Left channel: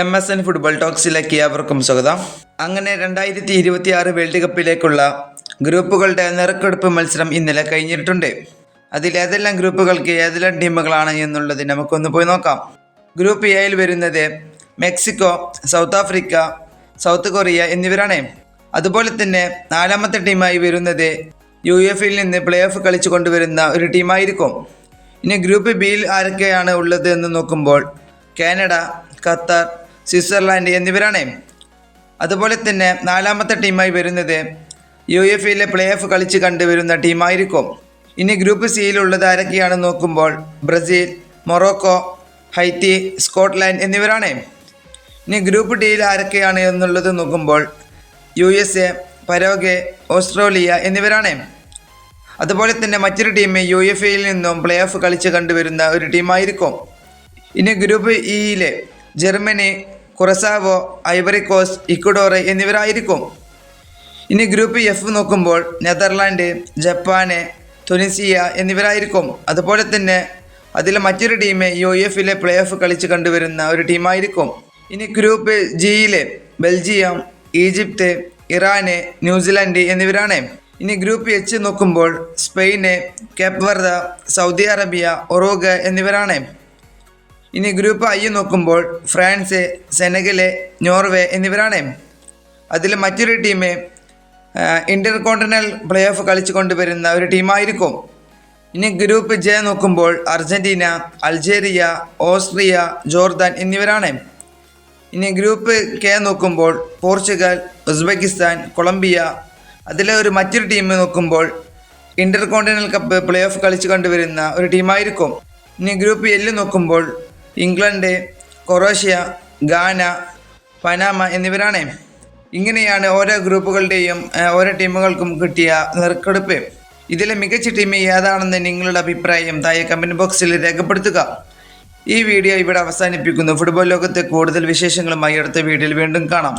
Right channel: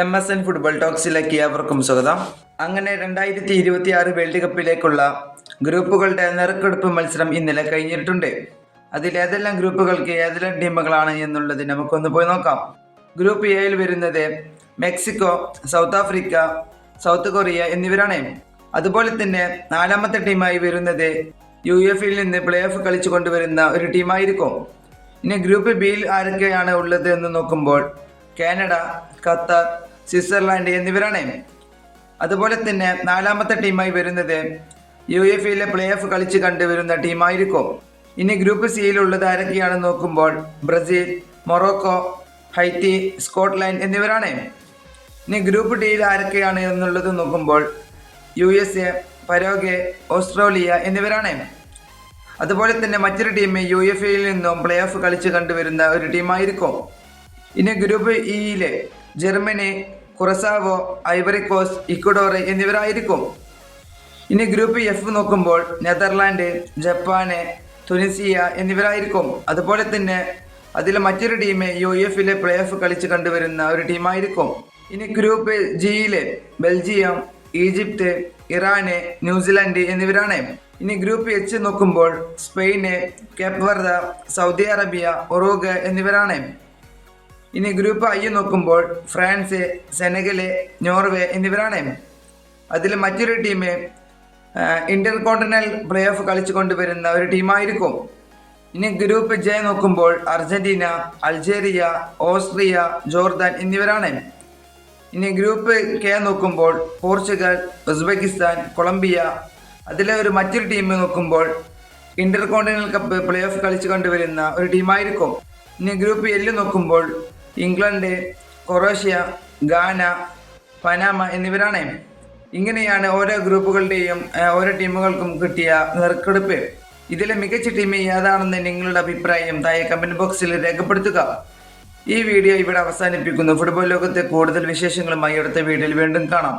MSN football ടോക്സിലേക്ക് ഏവർക്കും സ്വാഗതം. അങ്ങനെ 2026 വേൾഡ് കപ്പിലേക്കുള്ള ഗ്രൂപ്പുകളുടെ നറുക്കെടുപ്പ് മത്സരം ഇന്നലെ കഴിഞ്ഞിട്ടുണ്ട്. അതിലേതെല്ലാം ഗ്രൂപ്പുകൾക്ക് ഏതെല്ലാം ടീമുകളാണ് എന്നുള്ളത് നമുക്കൊന്ന് പോയി നോക്കാം. ഗ്രൂപ്പ് എയിൽ വരുന്നത് Mexico, south Africa, south Korea എന്നിവരാണ്. അതുപോലെ തന്നെ നാലാമത്തെ ടീമായി വരുന്നത് UEFAയിൽ നിന്ന് പ്ലേ ഓഫ് കളിച്ചു കൊണ്ടുവരുന്ന ഒരു ടീമായിരിക്കും. ഇനി ഗ്രൂപ്പ് ബിയിൽ ആരൊക്കെയാണ് ഉള്ളത് എന്ന് നോക്കുമ്പോൾ കാനഡ, ഖത്തർ, സ്വിറ്റ്സർലാൻഡ് എന്നിവരാണ്. അതുപോലെ തന്നെ നാലാമത്തെ ടീമായി വരുന്നത് UEFAയിലെ പ്ലേ ഓഫ് കളിച്ച് കണ്ടുവരുന്ന ടീമായിരിക്കും. ഇനി ഗ്രൂപ്പ് സിയിലുള്ളത് ആരൊക്കെയാണെന്ന് നോക്കുമ്പോൾ ബ്രസീൽ, മൊറോക്കോ, ഹൈറ്റി, സ്കോട്ട്ലാൻഡ് എന്നിവരാണ്. ഇനി ഗ്രൂപ്പ് ഡിയിൽ ആരൊക്കെയാണ് എന്നുള്ളത് നോക്കുമ്പോൾ USA, പരോഗ്വേ, ഓസ്ട്രേലിയ എന്നിവരാണ്. അതുപോലെ തന്നെ മറ്റൊരു ടീം UEFAയിൽ നിന്നും പ്ലേ ഓഫ് കളിച്ച് കണ്ടുവരുന്ന ഒരു ടീമായിരിക്കും. ഇനി ഗ്രൂപ്പ് ഇയിലെ Germany, Curacao, Ivory Coast, Ecuador എന്നിവരായിരിക്കും. ഇനി ഗ്രൂപ്പ് F നോക്കുമ്പോൾ നെതർലാൻഡ്, ജപ്പാന്, തുനിസിയ എന്നിവരായിരിക്കും. അതുപോലെ തന്നെ അതിലെ മറ്റൊരു ടീം UEFAയിലെ പ്ലേ ഓഫ് കളിച്ച് കണ്ടുവരുന്ന ഒരു ടീമായിരിക്കും. ഇനി ഗ്രൂപ്പ് ജിയിലെ ബെൽജിയം, ഈജിപ്ത്, ഇറാന്, ന്യൂസിലാൻഡ് എന്നിവരാണ്. ഇനി ഗ്രൂപ്പ് H നോക്കുമ്പോൾ Spain, Cape Verde, Saudi Arabia, Uruguay എന്നിവരാണ്. ഇനി ഗ്രൂപ്പ് I നോക്കുമ്പോൾ ഫ്രാൻസ്, സെനഗല്, നോർവേ എന്നിവരാണ്. അതിൽ മറ്റൊരു ടീം ഇന്റർകോണ്ടിനൽ പ്ലേ ഓഫ് കളിച്ചു കൊണ്ടുവരുന്ന ഒരു ടീമായിരിക്കും. ഇനി ഗ്രൂപ്പ് J നോക്കുമ്പോൾ അർജന്റീന, അൾജീരിയ, ഓസ്ട്രിയ, ജോർദാൻ എന്നിവരാണ്. ഇനി ഗ്രൂപ്പ് K നോക്കുമ്പോൾ പോർച്ചുഗൽ, ഉസ്ബെക്കിസ്ഥാൻ, കൊളംബിയ. അതിലെ മറ്റൊരു ടീം നോക്കുമ്പോൾ ഇന്റർകോണ്ടിനൽ കപ്പ് പ്ലേ ഓഫ് കളിച്ചു കണ്ടുവരുന്ന ഒരു ടീമായിരിക്കും. ഇനി ഗ്രൂപ്പ് L നോക്കുമ്പോൾ ഇംഗ്ലണ്ട്, കൊറോഷ്യ, ഗാന, പനാമ എന്നിവരാണ്. ഇങ്ങനെയാണ് ഓരോ ഗ്രൂപ്പുകളുടെയും ഓരോ ടീമുകൾക്കും കിട്ടിയ നറുക്കെടുപ്പ്. ഇതിലെ മികച്ച ടീം ഏതാണെന്ന് നിങ്ങളുടെ അഭിപ്രായം താഴെ കമൻറ്റ് ബോക്സിൽ രേഖപ്പെടുത്തുക. ഈ വീഡിയോ ഇവിടെ അവസാനിപ്പിക്കുന്നു. ഫുട്ബോൾ ലോകത്തെ കൂടുതൽ വിശേഷങ്ങളുമായി അടുത്ത വീഡിയോയിൽ വീണ്ടും കാണാം.